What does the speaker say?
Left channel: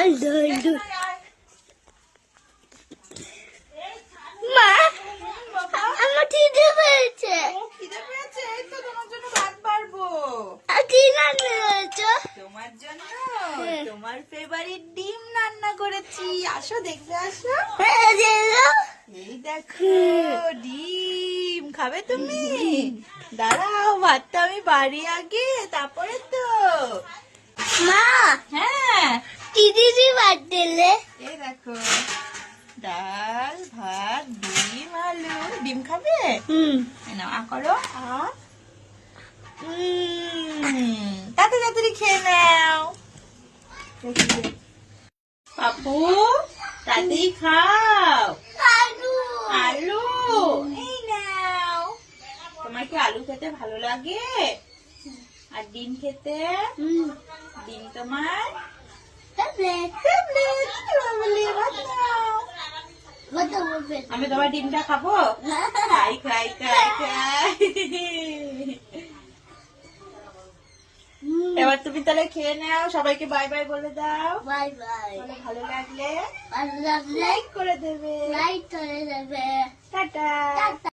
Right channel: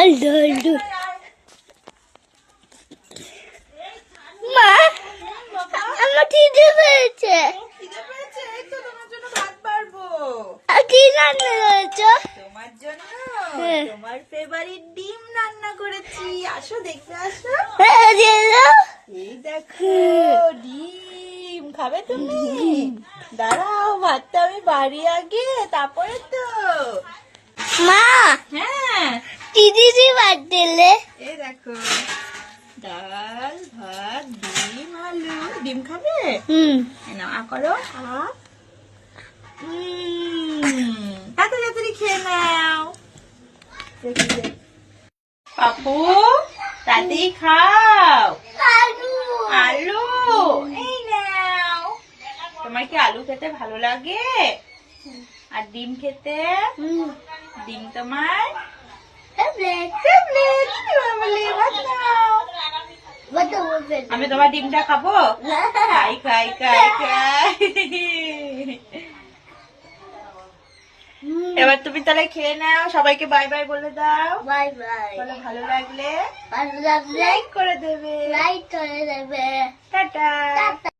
আল্লু আল্লু মা আমার খিদে পেয়েছে। খিদে পেয়েছে? এই তো তোমার জন্য ভাত বাড়বো। কি রান্না করেছো? তোমার জন্য তোমার ফেভারিট ডিম রান্না করেছি। আসো দেখতে আসো। এই দেখো ডিম খাবে তুমি? দাঁড়াও ভাতটা আমি বাড়ি আগে, তারপরে তো। মা হ্যাঁ কি দিদি ভাত দিলে? এই দেখো ডাল ভাত ডিম আলু। ডিম খাবে? নাও আ করো আ। তাড়াতাড়ি খেয়ে নাও। পাপু তাড়াতাড়ি খাও। আলু আলু এই নাও। তোমার কি আলু খেতে ভালো লাগে? আর ডিম খেতে? ডিম তোমার ফেভারিট। ভাত নাও। আমি তোমার ডিমটা খাবো? খাই খাই খাই খাই। এবার তুমি তাহলে খেয়ে নাও, সবাইকে বাই বাই বলে দাও। Bye bye. বলে ভালো লাগলে ভালো লাগলে লাইক করে দেবে। লাইক করে দেবে। টাটা।